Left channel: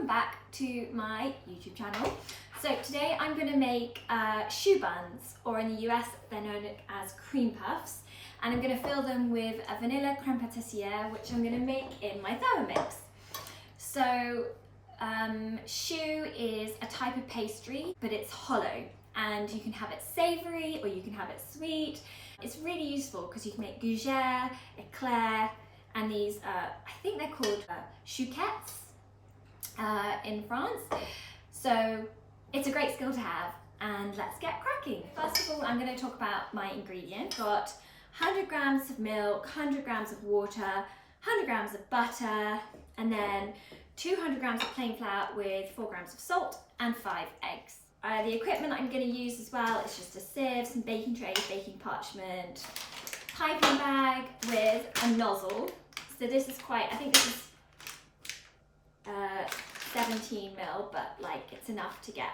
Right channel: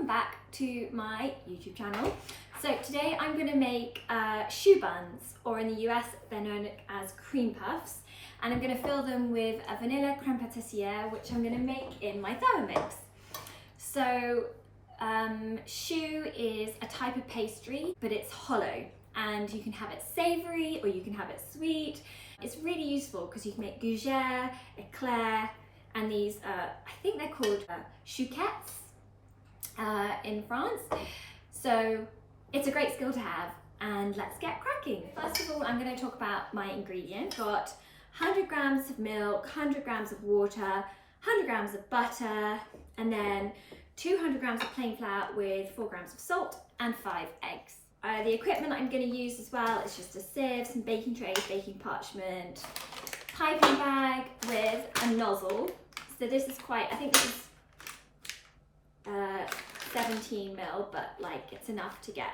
welcome back to my YouTube channel. So today I'm going to make choux buns, or in the US they're known as cream puffs, and I'm going to fill them with a vanilla creme patisserie, which I'm going to make in my Thermomix. So choux is a type of pastry, but it's hollow, and you can have it savoury or you can have it sweet. It's really useful because you can make gougère, éclair, and these, I think they're called chouquettes in France. So it's a great skill to have, and let's get cracking. First of all, I'm going to talk about my ingredients. Got 100 grams of milk, 100 grams of water, 100 grams of butter, and then 200 grams of plain flour with 4 grams of salt and 5 eggs. The equipment I'm going to use as well is just a sieve, some baking trays, baking parchment, piping bag with a nozzle. So this is quite, I think this is 17 ml, but like it's enough to get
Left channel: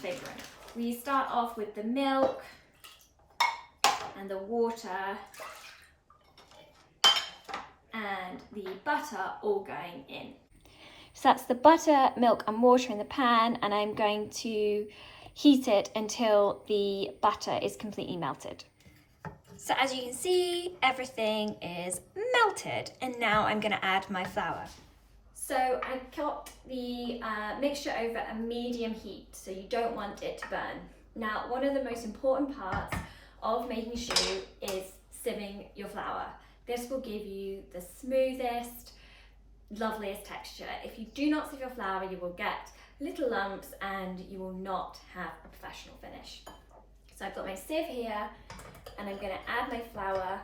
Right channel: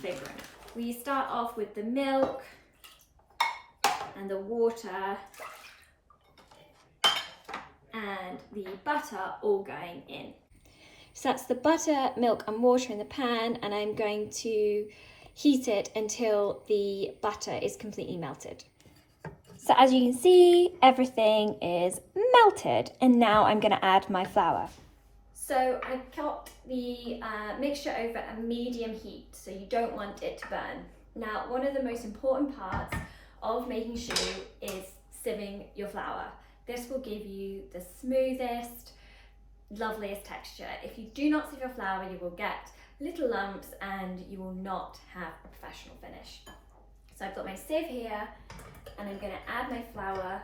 bigger. We start off with the milk and the water and the butter all going in. So that's the butter, milk and water in the pan, and I'm going to heat it until the butter is completely melted. So as you can see, everything is melted, and now I'm going to add my flour. So I got the mixture over a medium heat, so you don't want it to burn. Now, one of the most important parts of making choux is sieving your flour. This will give you the smoothest, loveliest texture. If you do not sieve your flour, you will get little lumps and you will not have a professional finish. So I've got my sieve here, and I'm going to add my flour.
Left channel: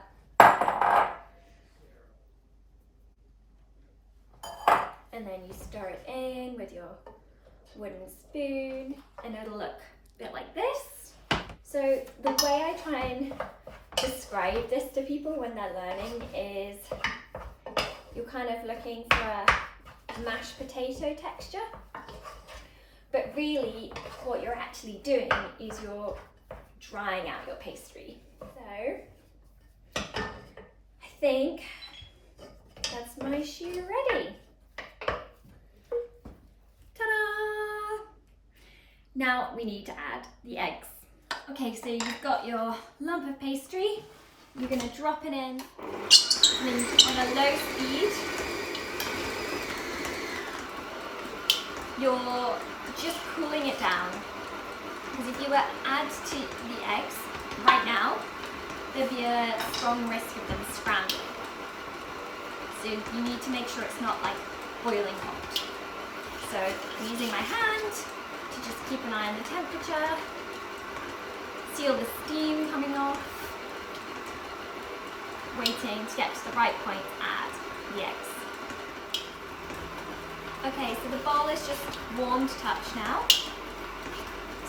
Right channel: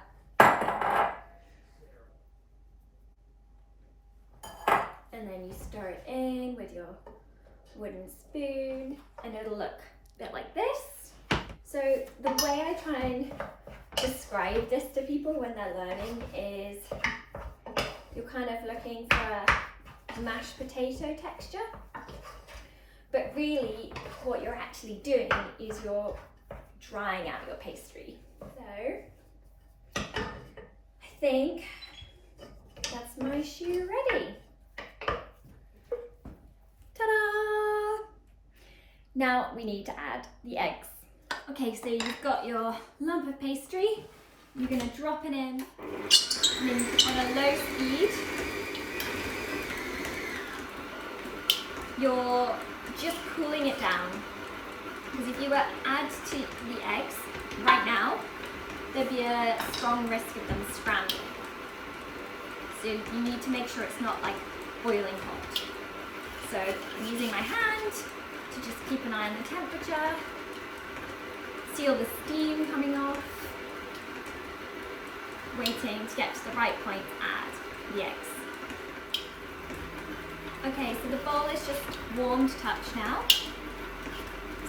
And then you stir it in with your wooden spoon, and it'll look a bit like this. So the way I try and describe this to people when they're learning is you're kind of looking for a mashed potato texture, but really what you're actually doing is you're drying out your pastry. So I think that's my choux ready. Ta-da! Now we need to add the eggs. Okay, so you've got your lump of pastry. You're going to drop it in, and then on a low speed, you're just cooling it down. Because if you were to add to the eggs right now, there'd be a strong risk of them scrambling. So you need to make sure it's not like boiling hot. So I'm using my hand to just keep an eye on the temperature, see all the steam coming off, waiting to get to the right point to add the eggs. Okay, so the bowl is just warm to touch now.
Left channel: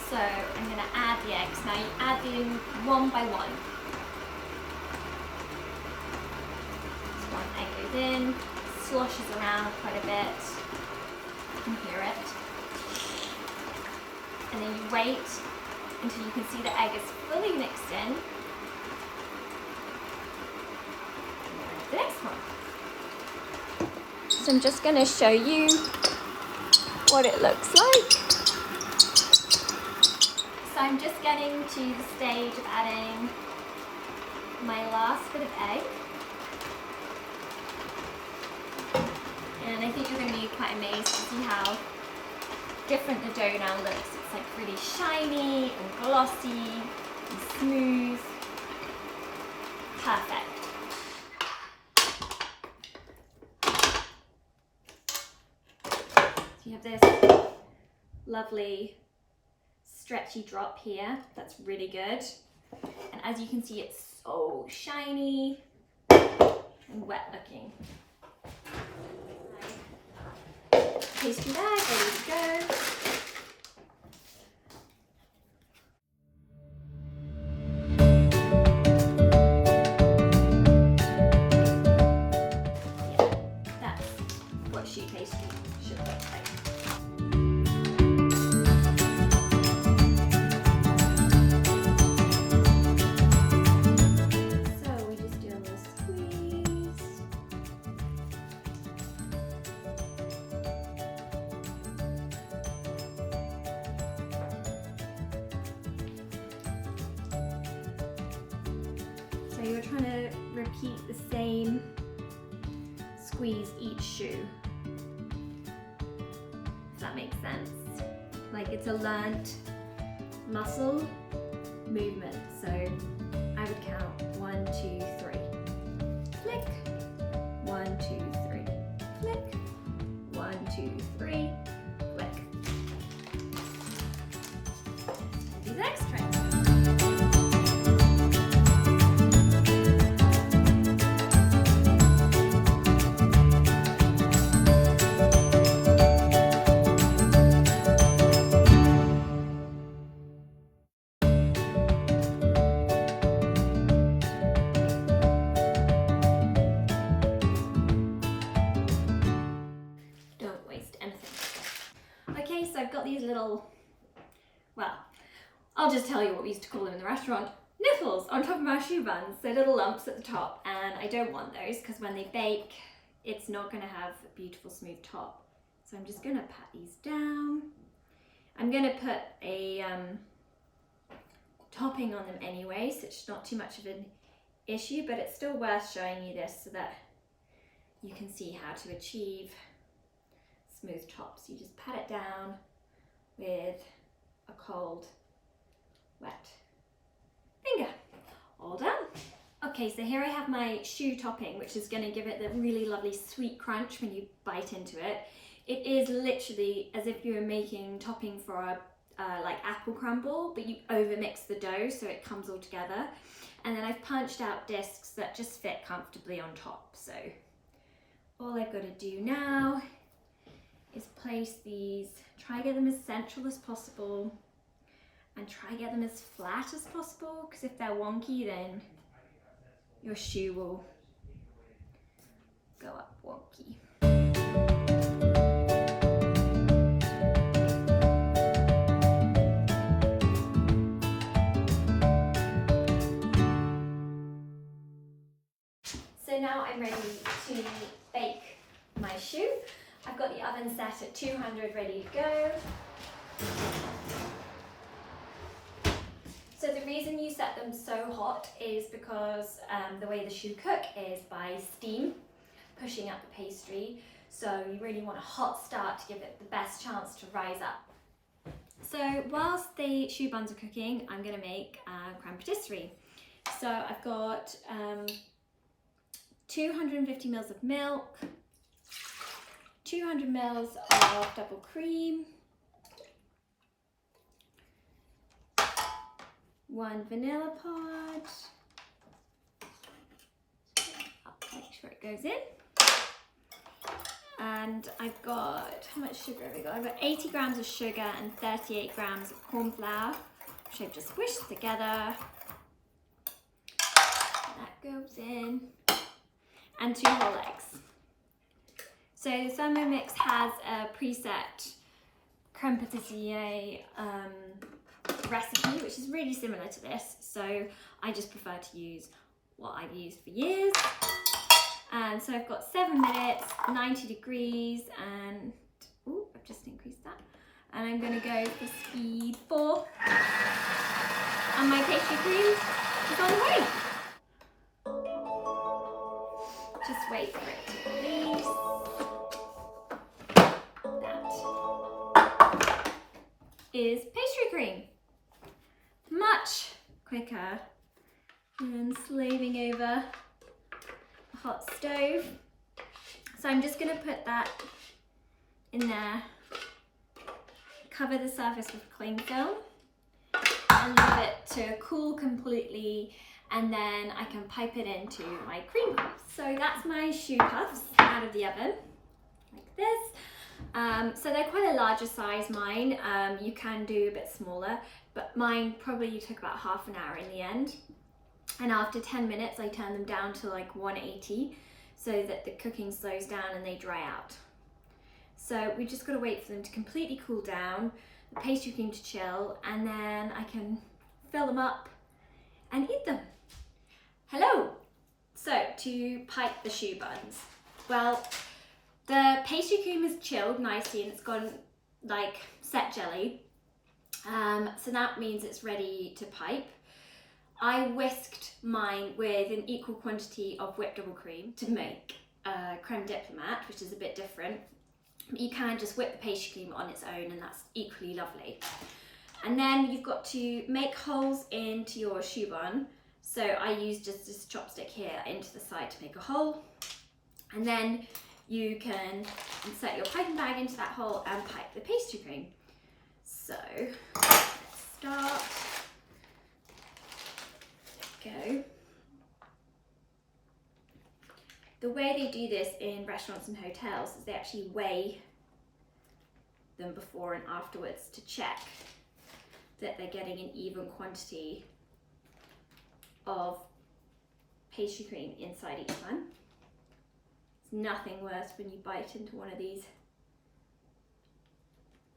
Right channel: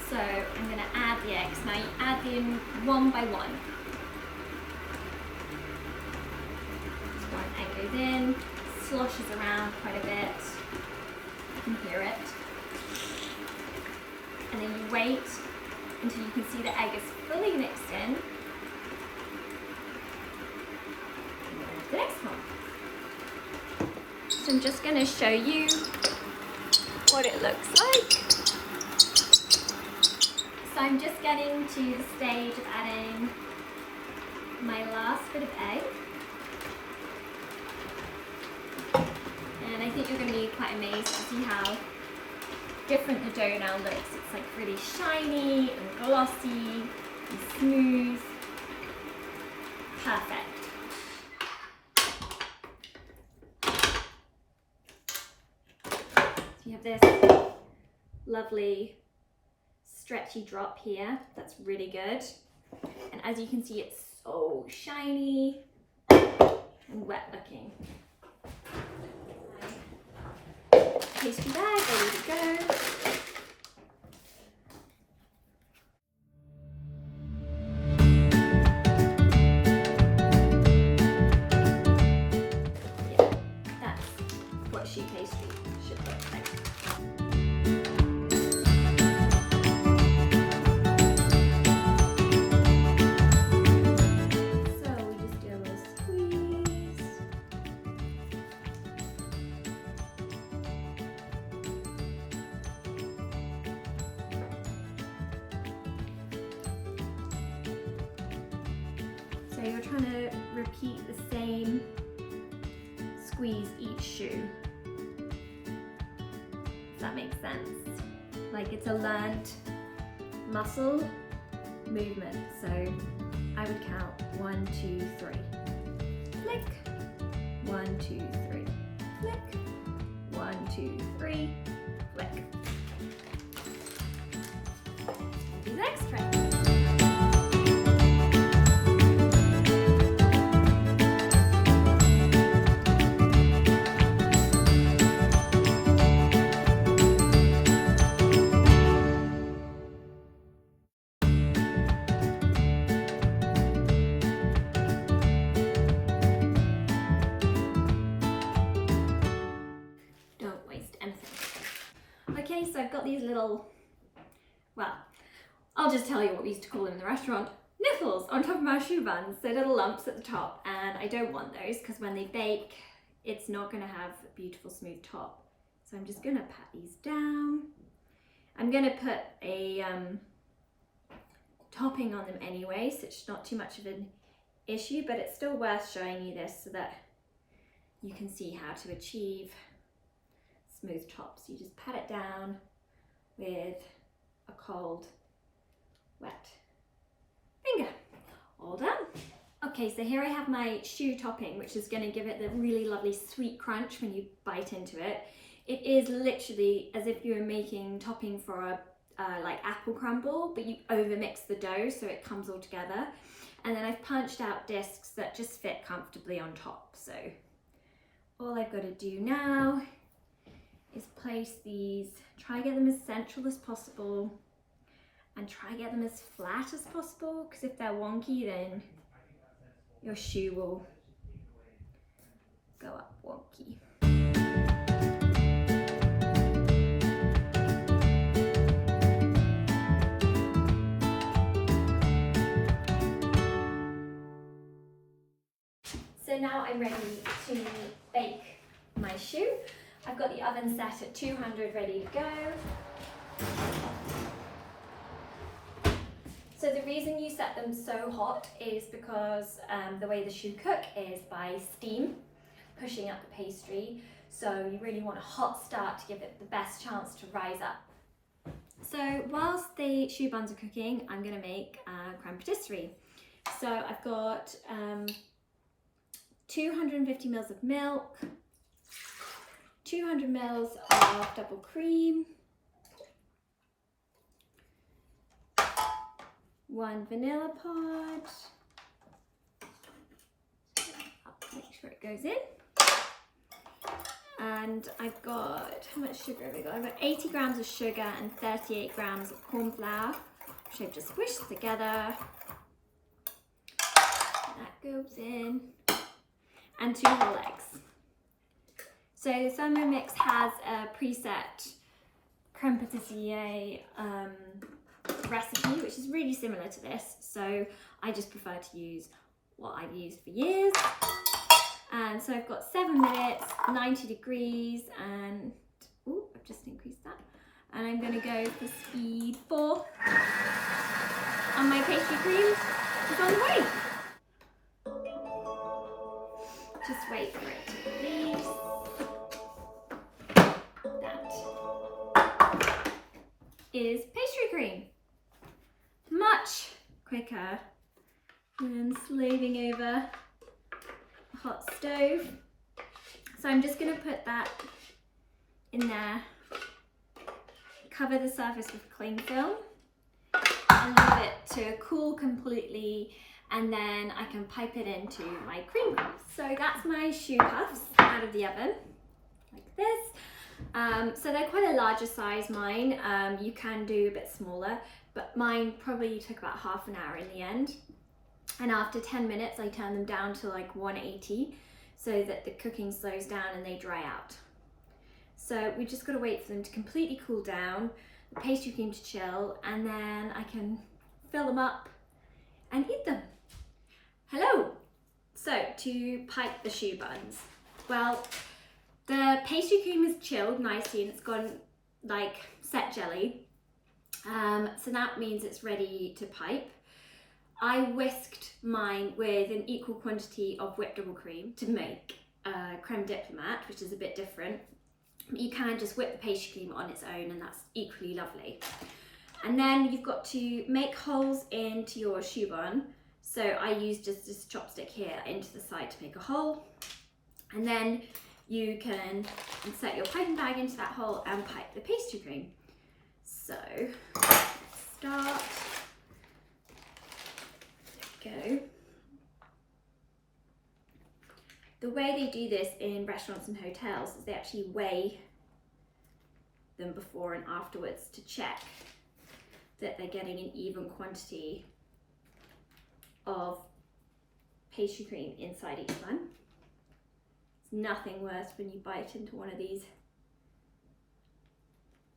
So I'm going to add the eggs. Now you add them one by one. So one egg goes in, sloshes around quite a bit. You can hear it. And then you wait until you can see the egg is fully mixed in. The next one. So I'm just going to show you what it looks like. So I'm just getting to the stage of adding my last bit of egg. And I think you're going to be quite amazed to see how different the dough now looks. It's like really shiny and glossy and smooth. Perfect. You have this lovely stretchy drop here. That's really good. And as you can see, it's so shiny and wet looking. Pastry bag ready to go. Yeah, that's what choux pastry should look like. So you're trying to repeat the same squeeze each shoe. If that makes sense. Like it's a learnt muscle movement. So I would count 1, 2, 3. Flick. 1, 2, 3. Flick. 1, 2, 3. Flick. Do the next trick. Okay, so I've got these little, well, I'll just tell you what we used to call them in the restaurant, nipples on top of my choux buns, so little lumps at the top, and I don't want those because when they bake, it's not going to have a beautiful smooth top. So I'm just going to pat these down. I'm going to put a topping on them anyway, so it's not too much of an issue, but it's still worth showing you this so that you can see how to achieve smooth tops. You just pat it down with a cold, wet finger. All done. Okay, so here I have my choux topping, which is going to give it the really lovely sweet crunch when you bite into it. It is literally as if you were making topping for a like apple crumble, but you overmix the dough so it comes all together. And then I've punched out discs that just fit comfortably on top. So all I've got to do now is place these, try to get them as central as possible and try to get them as flat as possible, because if they're wonky then your choux will go up wonky. So now I'm ready to bake my choux. I've got the oven set at 200 ready to go. So the reason you set them so hot is because the way the choux cook is by steam, pushing up the pastry. So you really want a hot start to give it the best chance to rise up. So whilst the choux buns are cooking, I'm going to make creme patisserie. So I've got 250 mils of milk, 200 mils of double cream, 1 vanilla pod, I'll make sure it goes in, and I've got, how much sugar have I got? I've got 80 grams of sugar and 38 grams of corn flour, which I've just squished together. That goes in, and 2 whole eggs. So the Thermomix has a preset creme patisserie recipe, which is really similar to this. So I just prefer to use what I've used for years. And so I've got 7 minutes, 90 degrees, and ooh, I've just increased that. And I'm gonna go for speed 4. And my pastry cream is on the way. Just wait for it to release. That is pastry cream. Much quicker than slaving over a hot stove. So I'm just going to put that in there, cover the surface with cling film and leave it to cool completely, and then I can pipe it into my cream puffs. So that's my choux puffs out of the oven, like this. So they're quite a larger size, mine. You can do a bit smaller, but mine probably took about half an hour in the end. And after 10 minutes, I turn them down to like 180 so that the cooking slows down and they dry out. So we just gotta wait for them to completely cool down, the pastry cream to chill, and then I can fill them up and eat them. Hello! So to pipe the choux buns. Well, the pastry cream is chilled nicely and it's gone like set jelly. So that means it's ready to pipe. I whisked mine with an equal quantity of whipped double cream to make creme diplomat, which is a bit different. You can just whip the pastry cream on its own and that's equally lovely. And then you've got to make holes into your choux bun. So I use just this chopstick here into the side to make a hole. And then you can insert your piping bag into that hole and pipe the pastry cream. So let's start. There we go. The way they do this in restaurants and hotels is they actually weigh them before and afterwards to check that they're getting an even quantity of pastry cream inside each one. It's nothing worse when you bite into one of these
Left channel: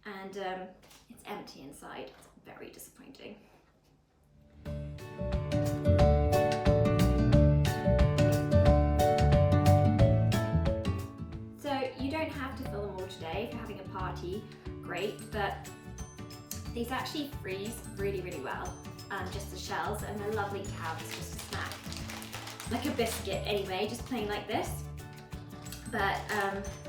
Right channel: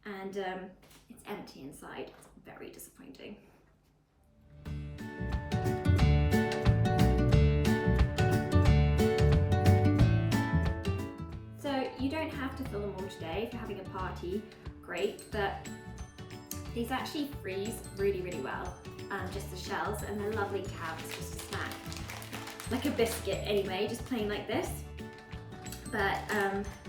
and it's empty inside. It's very disappointing. You don't have to fill them all today. If you're having a party, great, but these actually freeze really, really well. Just the shells, and they're lovely to have as just a snack. Like a biscuit anyway, just plain like this. But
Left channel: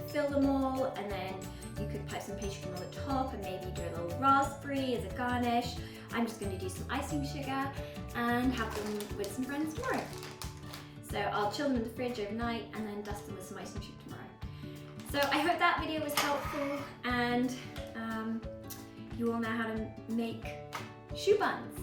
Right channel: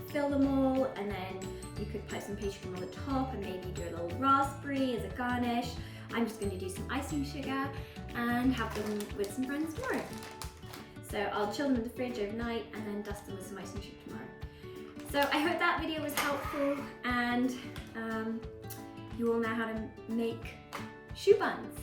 fill them all, and then you could put some pastry cream on the top and maybe do a little raspberry as a garnish. I'm just going to do some icing sugar and have them with some friends tomorrow. So I'll chill them in the fridge overnight and then dust them with some icing sugar tomorrow. So I hope that video was helpful and you all know how to make choux buns.